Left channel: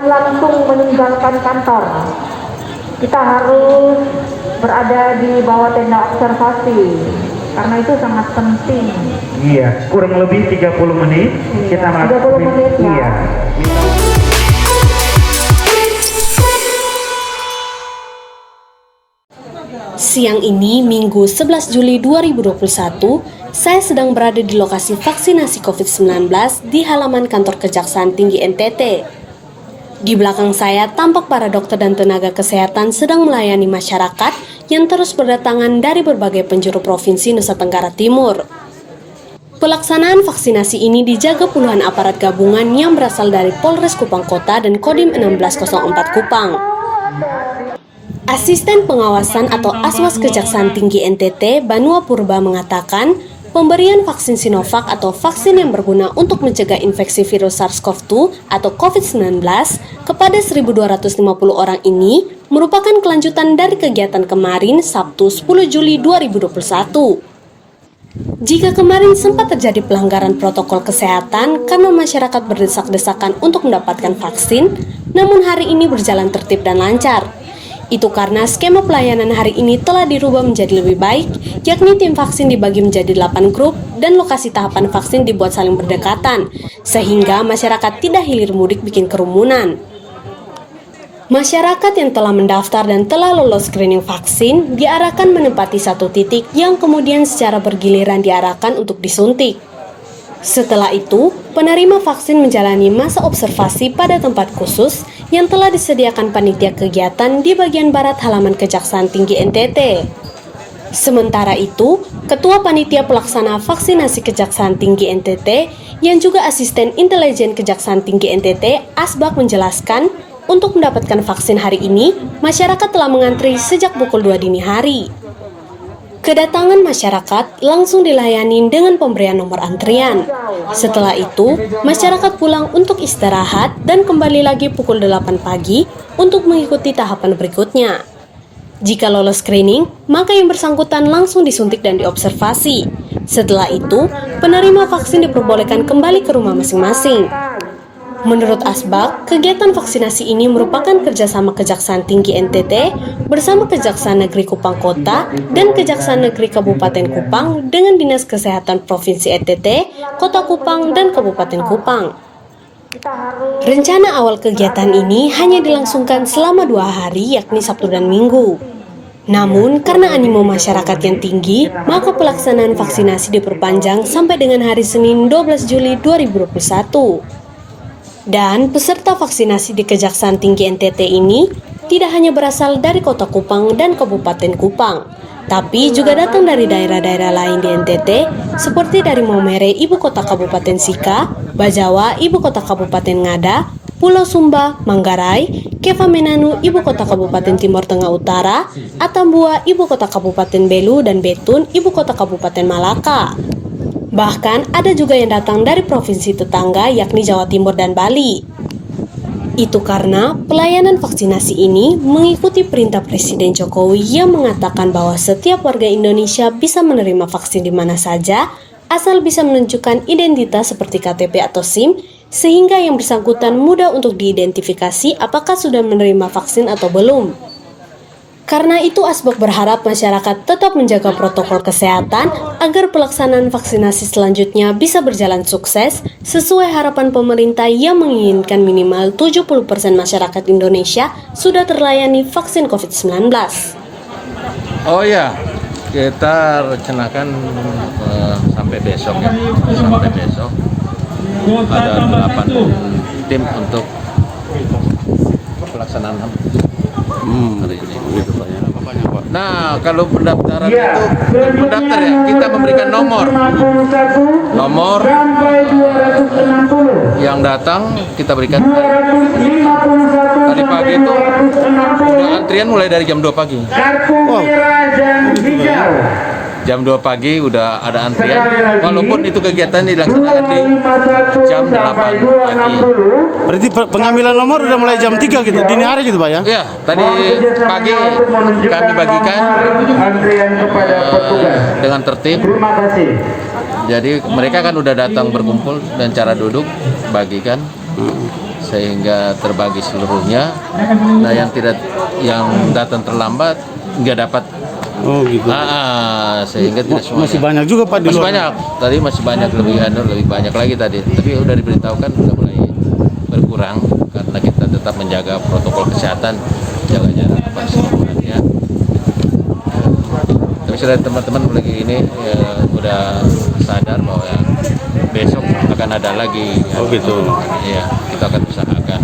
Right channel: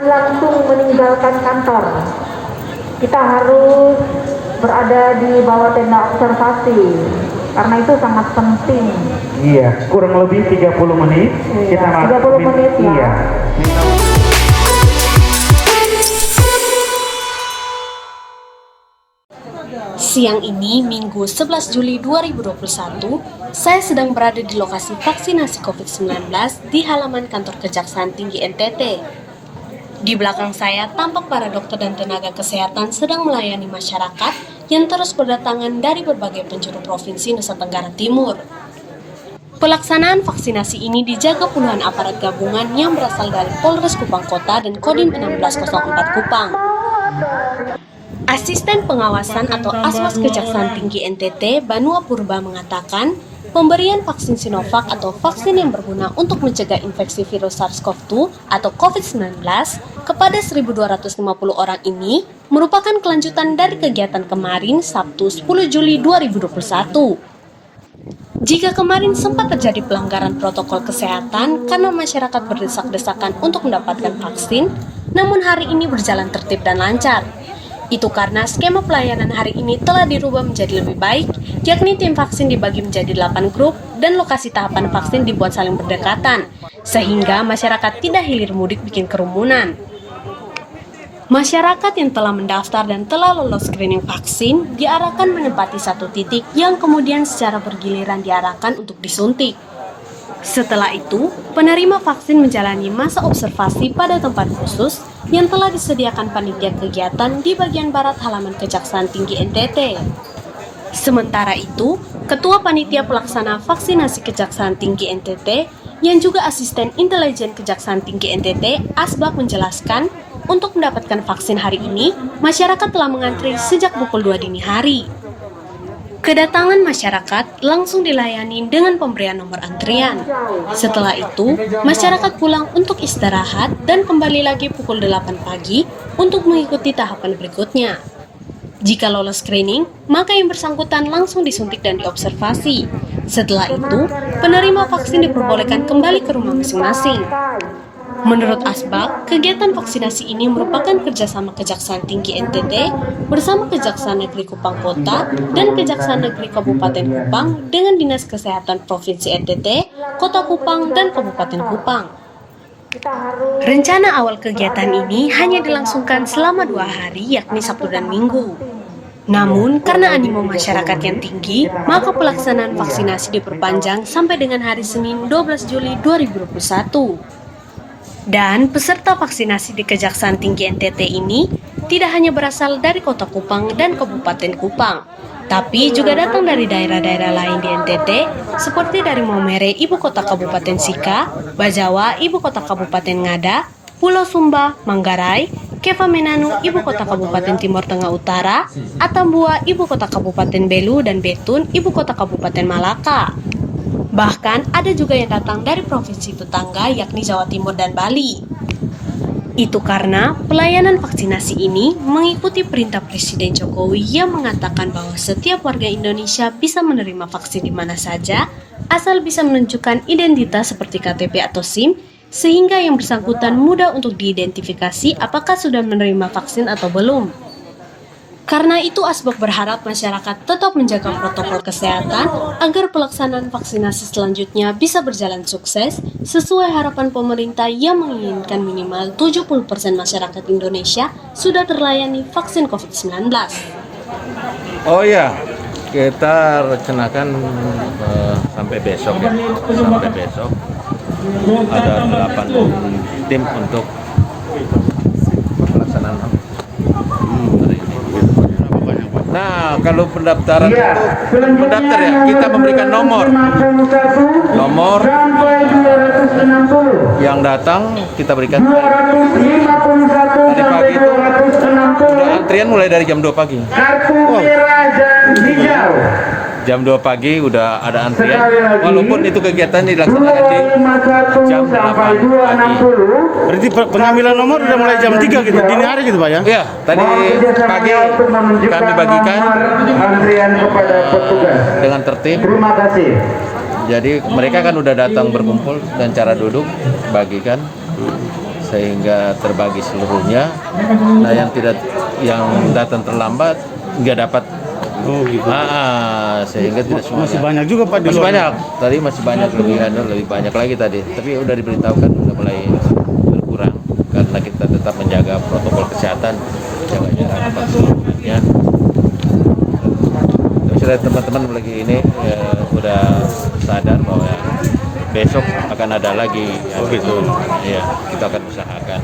langsung meninggalkan kantor. Kita harus berada di bawah tenda observasi karena itu sangat penting. Iya, kurang lebih 30 menit. Iya, 30 menit ya. Iya. Siang ini, Minggu 11 Juli 2021, saya sedang berada di lokasi vaksinasi COVID-19 di halaman kantor Kejaksaan Tinggi NTT. Di belakang saya tampak para dokter dan tenaga kesehatan sedang melayani masyarakat yang terus berdatangan dari berbagai penjuru provinsi Nusa Tenggara Timur. Pelaksanaan vaksinasi ini dijaga puluhan aparat gabungan yang berasal dari Polres Kupang Kota dan Kodim 1604 Kupang. Asisten Pengawasan atau Aswas Kejaksaan Tinggi NTT, Banua Purba mengatakan, pemberian vaksin Sinovac atau vaksin yang berguna untuk mencegah infeksi virus SARS-CoV-2 atau COVID-19 kepada 1.250 orang ini merupakan kelanjutan dari kegiatan kemarin Sabtu 10 Juli 2021. Jika kemarin sempat terjadi pelanggaran protokol kesehatan karena masyarakat berdesak-desakan untuk mendapatkan vaksin, namun hari ini berjalan tertib dan lancar. Itu karena skema pelayanan hari ini telah dirubah menjadi lebih baik, yakni tim vaksin dibagi menjadi 8 grup dan lokasi tahapan vaksin dibuat saling berdekatan, sehingga masyarakat tidak hilir mudik bikin kerumunan. Masyarakat yang telah mendaftar dan telah lolos screening vaksin diarahkan menempati satu titik yang kemudian secara bergiliran diarahkan untuk disuntik. Setelah itu, penerima vaksin menjalani masa observasi pada tempat khusus yang telah disediakan panitia kegiatan di bagian barat halaman Kejaksaan Tinggi NTT. Sementara itu, Ketua Panitia Pelaksana Vaksinasi Kejaksaan Tinggi NTT yang juga Asisten Intelijen Kejaksaan Tinggi NTT, Asbak menjelaskan, untuk mendapatkan vaksin hari ini, masyarakat telah mengantri sejak pukul 2 dini hari. Kedatangan masyarakat langsung dilayani dengan pemberian nomor antrian. Setelah itu, masyarakat pulang untuk istirahat dan kembali lagi pukul 8 pagi untuk mengikuti tahapan berikutnya. Jika lolos screening, maka yang bersangkutan langsung disuntik dan diobservasi. Setelah itu, penerima vaksin diperbolehkan kembali ke rumah masing-masing. Menurut Asbak, kegiatan vaksinasi ini merupakan kerjasama Kejaksaan Tinggi NTT bersama Kejaksaan Negeri Kupang Kota dan Kejaksaan Negeri Kabupaten Kupang dengan Dinas Kesehatan Provinsi NTT, Kota Kupang, dan Kabupaten Kupang. Rencana awal kegiatan ini hanya dilangsungkan selama 2 hari, yakni Sabtu dan Minggu. Namun, karena animo masyarakat yang tinggi, maka pelaksanaan vaksinasi diperpanjang sampai dengan hari Senin 12 Juli 2021. Dan peserta vaksinasi di Kejaksaan Tinggi NTT ini tidak hanya berasal dari Kota Kupang dan Kabupaten Kupang, tapi juga datang dari daerah-daerah lain di NTT, seperti dari Maumere, Ibu Kota Kabupaten Sika, Bajawa, Ibu Kota Kabupaten Ngada, Pulau Sumba, Manggarai, Keva Menanu, Ibu Kota Kabupaten Timur Tengah Utara, Atambua, Ibu Kota Kabupaten Belu, dan Betun, Ibu Kota Kabupaten Malaka. Bahkan ada juga yang datang dari provinsi tetangga yakni Jawa Timur dan Bali. Itu karena pelayanan vaksinasi ini mengikuti perintah Presiden Jokowi yang mengatakan bahwa setiap warga Indonesia bisa menerima vaksin di mana saja, asal bisa menunjukkan identitas seperti KTP atau SIM, sehingga yang bersangkutan mudah untuk diidentifikasi apakah sudah menerima vaksin atau belum. Karena itu, Asbak berharap masyarakat tetap menjaga protokol kesehatan agar pelaksanaan vaksinasi selanjutnya bisa berjalan sukses sesuai harapan pemerintah yang menginginkan minimal 70% masyarakat Indonesia sudah terlayani vaksin COVID-19. Oh ya, kita rencanakan sampai besok ya. Sampai besok ada 8 tim untuk pelaksanaan hari ini. Nah, kalau pendaftaran itu mendaftar ya, kita memberikan nomor yang datang kita berikan tadi pagi itu udah antrian mulai dari jam 2 pagi. Oh, jam 2 pagi udah ada antrian, walaupun itu kegiatan dilaksanakan di jam 8 pagi. Berarti pengambilan nomor udah mulai jam 3 gitu, dini hari gitu Pak ya? Iya, tadi pagi kami bagikan dengan tertib. Jadi mereka kan udah datang berkumpul dan cara duduk bagikan sehingga terbagi seluruhnya. Nah, yang datang terlambat nggak dapat. Oh gitu. Sehingga tidak semuanya. Masih banyak juga Pak di Masih luar. banyak. Tadi masih banyak, lebih banyak lagi tadi. Tapi udah diberitahukan sudah mulai berkurang karena kita tetap menjaga protokol kesehatan, jaga jarak apa semuanya. Tapi sudah teman-teman lagi ini udah sadar bahwa besok akan ada lagi. Oh gitu. Ya, kita akan usahakan.